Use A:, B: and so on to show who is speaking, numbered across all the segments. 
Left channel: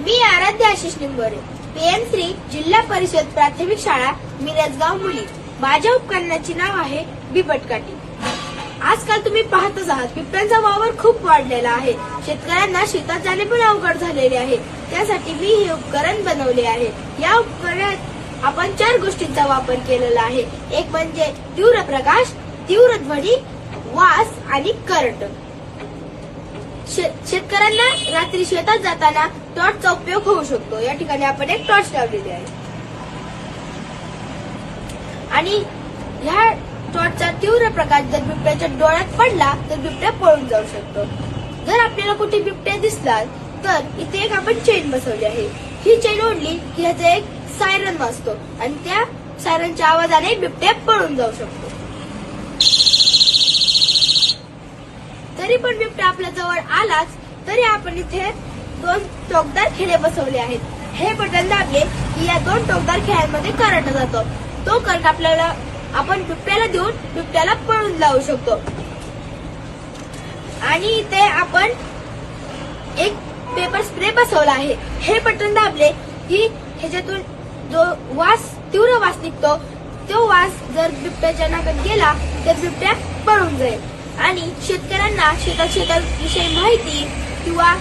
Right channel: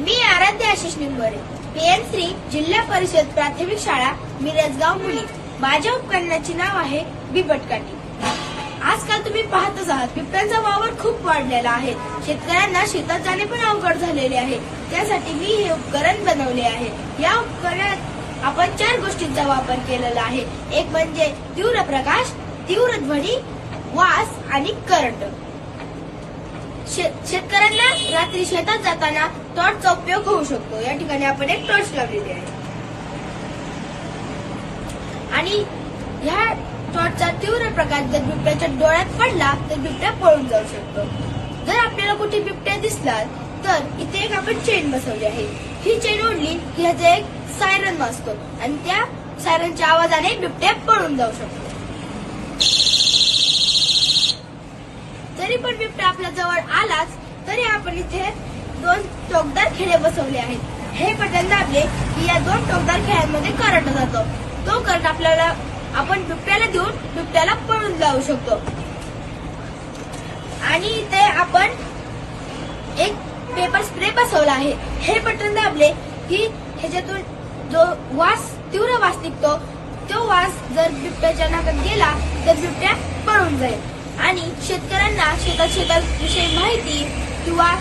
A: मी आराध्य आशिष निंबोरे. पीएम श्री जिल्हा परिषद प्राथमिक शाळा मिरजगाव मुली. माझ्या उपकरणाची नाव आहे बिबटकाठी. आजकाल तुम्ही पाहतच आहात बिबट्यांचा वावर खूप वाढलेला आहे. शेतकऱ्यांना शेतात जाणे पण अवघड झालेले आहे. त्यासाठी मी हे उपकरण बनवले आहे. या उपकरणात आपण चार गोष्टींचा वापर केलेला आहे. एक म्हणजे तीव्र प्रकाश तीव्र ध्वनी वास आणि करंट. शेतकऱ्यांना रात्री शेतात जाताना टॉर्चचा उपयोग होऊ शकतो. या ठिकाणी आपण एक टॉर्च लावलेली आहे. आणि ह्या टॉर्चचा तीव्र प्रकाश जर बिबट्याच्या डोळ्यात पडला तर बिबट्या पळून जाऊ शकतो. जर आपल्याला कुठे बिबट्या दिसला तर इथे एक आपण चेन बसवली आहे. ही चेन ओढली की ह्याचा एक सायरन वाजतो. आणि त्या सायरनच्या आवाजाने बिबट्या पळून जाऊ शकतो. तरी पण बिबट्या आपल्या जवळ आलाच तरी आपण इथे दोन टोकदार खिळे बसवले आहेत. हे बटन दाबले की या दोन टोकदार खिळ्यांमध्ये करंट जातो. तो करंट आपल्याला आपण बिबट्याला देऊन बिबट्याला पळून जाऊ शकतो. आणि इथे आपण एक पेपर स्प्रे बसवला आहे. हे बटन दाबले की ह्याच्यातून जो वास तीव्र वास निघतो तो वास जर बिबट्याच्या नाकात गेला तर बिबट्या पळून जाईल. आणि शेतकऱ्यांना शेतात शेतात विषयी माहिती किंवा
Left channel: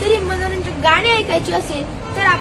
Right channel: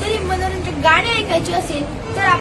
A: तरी मनोरंजक गाणी ऐकायची असेल तर